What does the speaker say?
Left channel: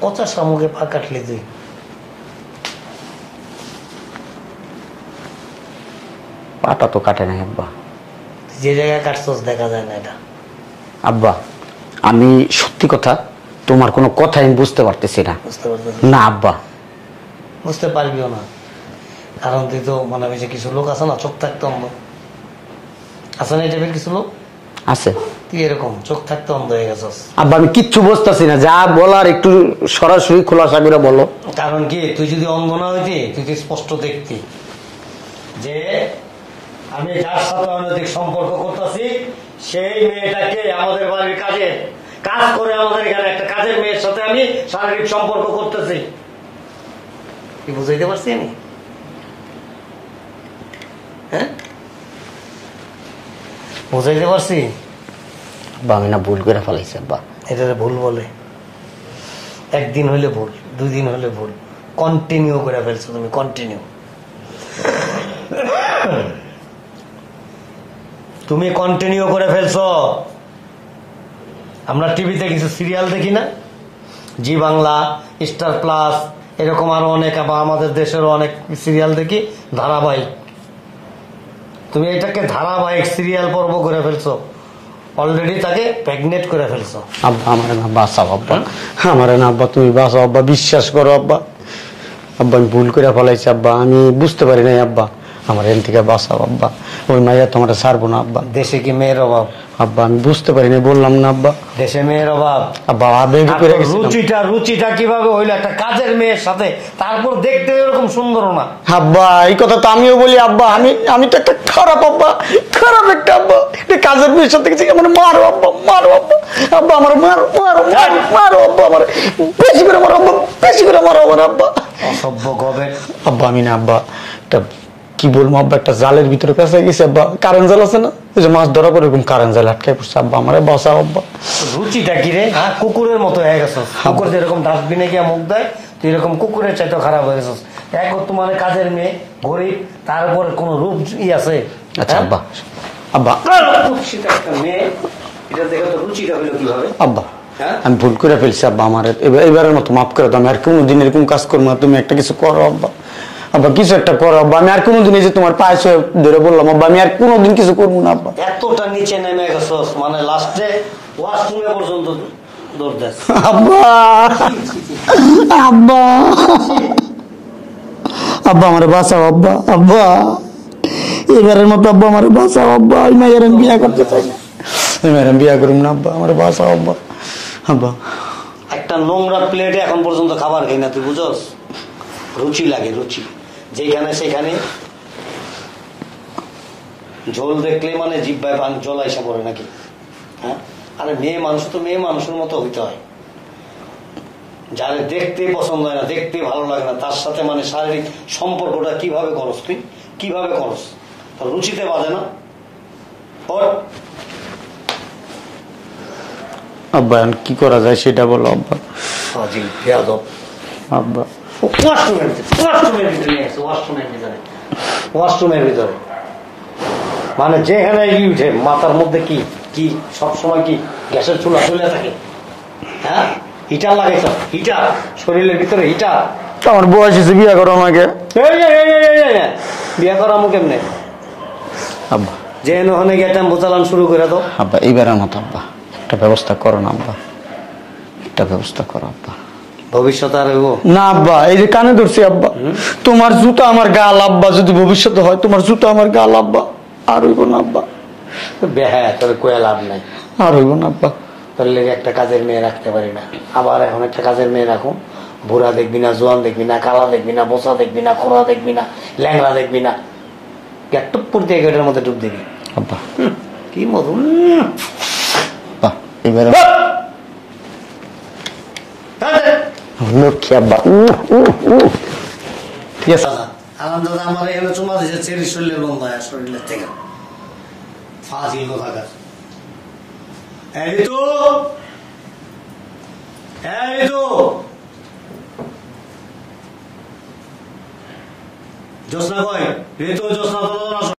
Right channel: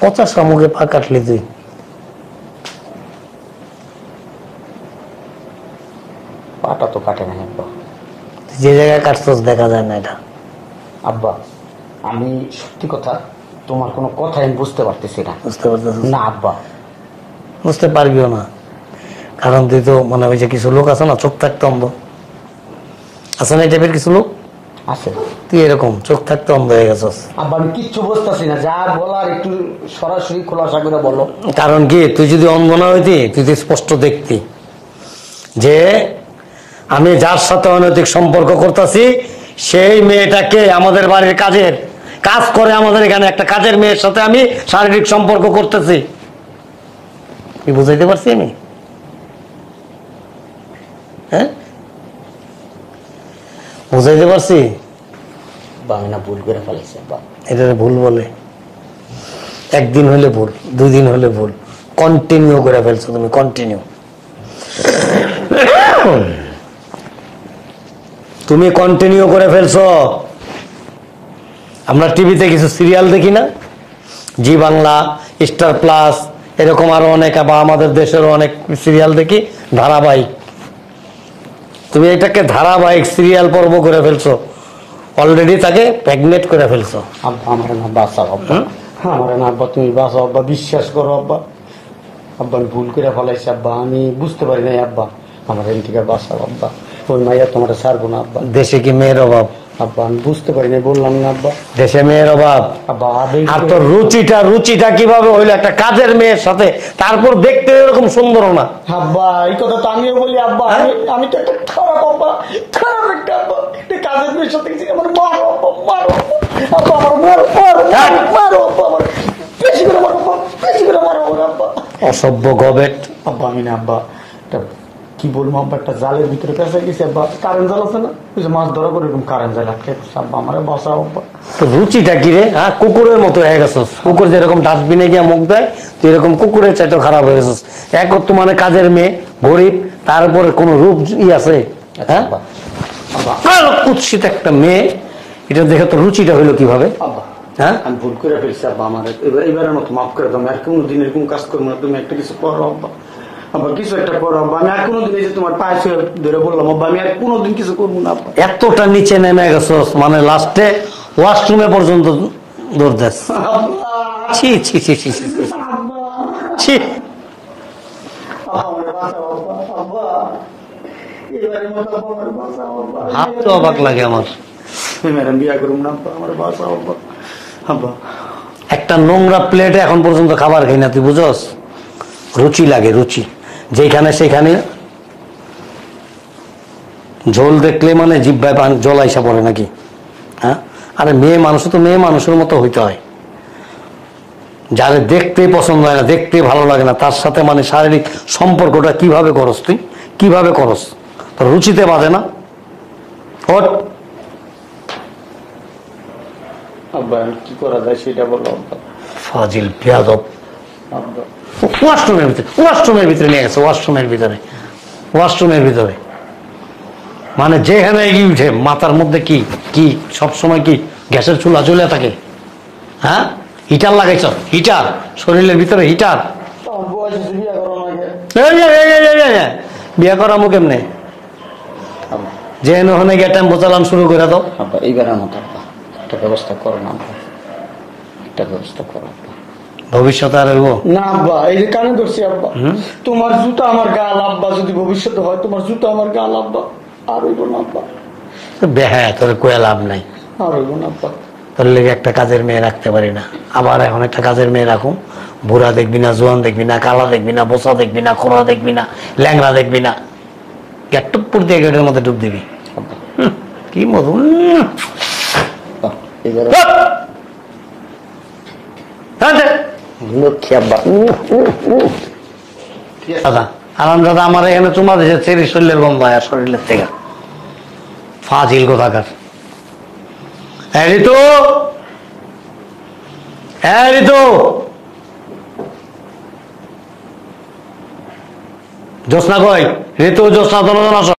পচা শামুকে পা কাটলি তুই? পাটা তো কাটে না আব্বা। যে জায়গায় কাটছস দেখা যায় না এটা। আব্বা আমি সত্যি কথা, তোমার কোনো কথা আমি বুঝতে পারতেছি না। বুঝতে পারছিস না আব্বা। বুঝতে পারবিও না, কারণ তুই তো মানে ওই যে কিছু লোক আছে না চোখ থাকতে অন্ধ, আছে না এই টাইপের কিছু লোক আছে। তুই এরকম চোখ থাকতে অন্ধ হয়ে গেছস। আব্বা আমি কিচ্ছু বুঝতেছি না, যা বলার একটু সরাসরি খোলাসা করে বলো। কারণ কি, তুই যদি অন্ধ না হইতি তুই তো স্পষ্ট দেখতি যে আমি যার সাথে অনৈতিক সম্পর্ক করতেছি সেই মেয়েটাকে আমাদের বাড়ির কাজের কাজ করে, আমাদের এখানে একটা কাজের মেয়ের সাথে আমি শারীরিক সম্পর্ক করতেছি। কি বুঝাইতে পারছি নি? হ্যাঁ বুঝাইতে পারছি? আব্বা আমি না ভুল করে ফেলাইছি আব্বা। এটা ভুল বলে? একদিন হলে ভুল, 2 দিন হলে ভুল, কন্টিনিউ করে ফেলছো তুমি, কন্টিনিউ। তুমি কন্টিনিউ করে ফেলছো। আমরা টিভিতে কিছু সিরিয়াল দেখি না, জি বাংলা, স্টার প্লাস, এরকম আরো অনেক, বা আমাদের দেশের অনেক সিরিয়াল দেখি ধারাবাহিক। তুমি এটাকে ধারাবাহিক সিরিয়াল পর্ব করে ফেলছো, অলরেডি তাকে প্রেগনেন্ট করে ফেলছো। আব্বা আমার না বাঁচাও আব্বা, আমার না আব্বা, তুমি বাঁচাও আব্বা, বিশ্বাস করো আব্বা। আব্বা আমি ভুল করে ফেলাইছি আব্বা, আমি বুঝতে পারি নাই আব্বা, আমার এখান থেকে বাঁচাও আব্বা। ওই মাইয়া তোমার ছাড়বো না আব্বা। দেশে কি মেয়ের অভাব? আব্বা আমি বুঝতে পারি নাই, বললাম না আব্বা। দেশে মেয়ের অভাব? আব্বা রুচিটা কিভাবে হইলো একটা কাজের মেয়ের সাথে, তারপর দেখতে এরকম সুন্দর না? আব্বা এই কথা তো আমিও বলি আব্বা, আমি তো একটা খারাপ আব্বা, খারাপ একটা আব্বা, এটা কাজের মেয়ের সাথে গেছি। আমার মারো আব্বা, মারো আব্বা, আব্বা আমার মারো, মারো মারো আব্বা, আমার বেশি করে মারো আব্বা, বেশি করে মারো আমার আব্বা। অসভ্য গবে। আব্বা আমি না আব্বা, একটা কি বলবো আব্বা, একটা জালের ভিতরে পেঁচে গেছে আব্বা, কারেন্ট জাল আছে না, ওই যে মাছ ধরা পরে এরকম কারেন্ট জাল আটকে পড়ছে আব্বা, আমারে বাঁচাও আব্বা। রুচিটা কি রে? হ্যাঁ, কুকুরের মতো হয়ে গেছিস। কুকুর যেরকম ডাস্টবিনে গিয়ে মুখ দেয়, তুই এরকম কুকুরের চাইতে খারাপ হয়ে গেছিস। এক তো মানে কাজের মেয়ে, গরিব, তার উপরে কোনো রূপ আছে? আচ্ছা আব্বা, আব্বা কুৎসিত একটা মেয়ে, এটা দেখে তো রুচিটা হইলো কিভাবে? আব্বা হ্যাঁ আমি ভুল করে ফেলছি আব্বা, আমার এবারের মতো মাফ করে দাও। আমি আর কোনোদিন এরকম কাজ করবো না, তুমি একটা কিছু করো আব্বা, আব্বা কিছু একটা করো আব্বা। আমি আর কোনোদিন এই যে তোমার পায়ে ছুঁয়ে ধরে বললাম আব্বা, আমি আর কোনোদিন কিছু করবো না আব্বা। এতটা নিচে নেমে গেছস, মানে লাস্টে ওয়াশরুমে পর্যন্ত দৌড় দেস। আব্বা ছি ছি ছি ছি আব্বা, ছি। আব্বা আমার বাঁচাও আব্বা, আব্বা এবারের মতো আব্বা আমার বাঁচাও আব্বা। বিয়া করুম না আব্বা, আমার বাঁচাও আব্বা। আব্বা একটা নোংরা প্লেটে এখন পর্যন্ত খাবার খাই না, তুই বুঝস? রুচি লাগে, রুচি। যেখানে সেখানে ঝোল দেখলে মানে জিহ্বায় জল আইসা পড়ে নাকি? হ্যাঁ, আরে মেয়ে মানুষ তো মেয়ে মানুষের মতো হইতে হয়। যারে দেখতে পছন্দ হয় না, দেখতে ভালো লাগে না, তার সাথে মানে শারীরিক সম্পর্কটা কিভাবে করস তুই? কিভাবে করস? তোর রুচিতে বাঁধে না? ওঠ। আব্বা কি করা যায় সেটা বলো আব্বা। ফাজিল বেয়াদব আব্বা ওয়াশরুমের ভিতরে নিয়ে গেছে, ওয়াশরুমের ভিতরে মানে যেখানে এগিয়ে উঠে মাথার মধ্যে কি কি সবসময় কি গ্যাসের চুলা জ্বলে থাকে? হ্যাঁ, হিটার লাগাইছ? হিটার শরীরের ভিতরে হিটার? আমার বয়স হয়েছে, বিয়ে করো আমাকে। বিয়ে করামো কেমনে? আব্বা যে ওখানে গিয়ে টাইম বোঝালাম শুরু করে দাও। আব্বা এইবারের মতো আব্বা একটা ব্যবস্থা করো না আব্বা, একটা ব্যবস্থা করো আব্বা। ভবিষ্যতে আর হইব না আব্বা, এই যে কানে ধরছি আব্বা, তোমার জুতো আমার গাল আব্বা, যদি ভবিষ্যতে হয় তোমার জুতো আমার গাল আব্বা, আর হইব না আব্বা। হ্যাঁ, তোর কয়ে লাভ নাই, আর হইব না আব্বা। তোর লেগে একটা কাজের মেয়ে রাখতে পারি না, আবার এখন একটা কাজের মেয়ে রাখুন। বুড়া দেখবি না, জোয়ান দেখবি না, কালা দেখবি না, বোসা দেখবি না, খোলা দেখবি না, ল্যাংড়া দেখবি না, টুপুর দিয়ে গেটের মধ্যে ডুব দিবি আব্বা। কি মধু এবারে লক্ষ্মী আব্বা। ঠিক আছে দাদা, আরাম দাদা আমার এখানে চুমা দিয়েছে, চেরি শরীরের গন্ধ হয় আর শরীরের থেকে। ফাজিল কোথাকার। হ্যাঁ ঋতু, হ্যাঁ ঋতু, জ্যোৎস্না কই? ঋতু, জ্যোৎস্না, দোনো আসো।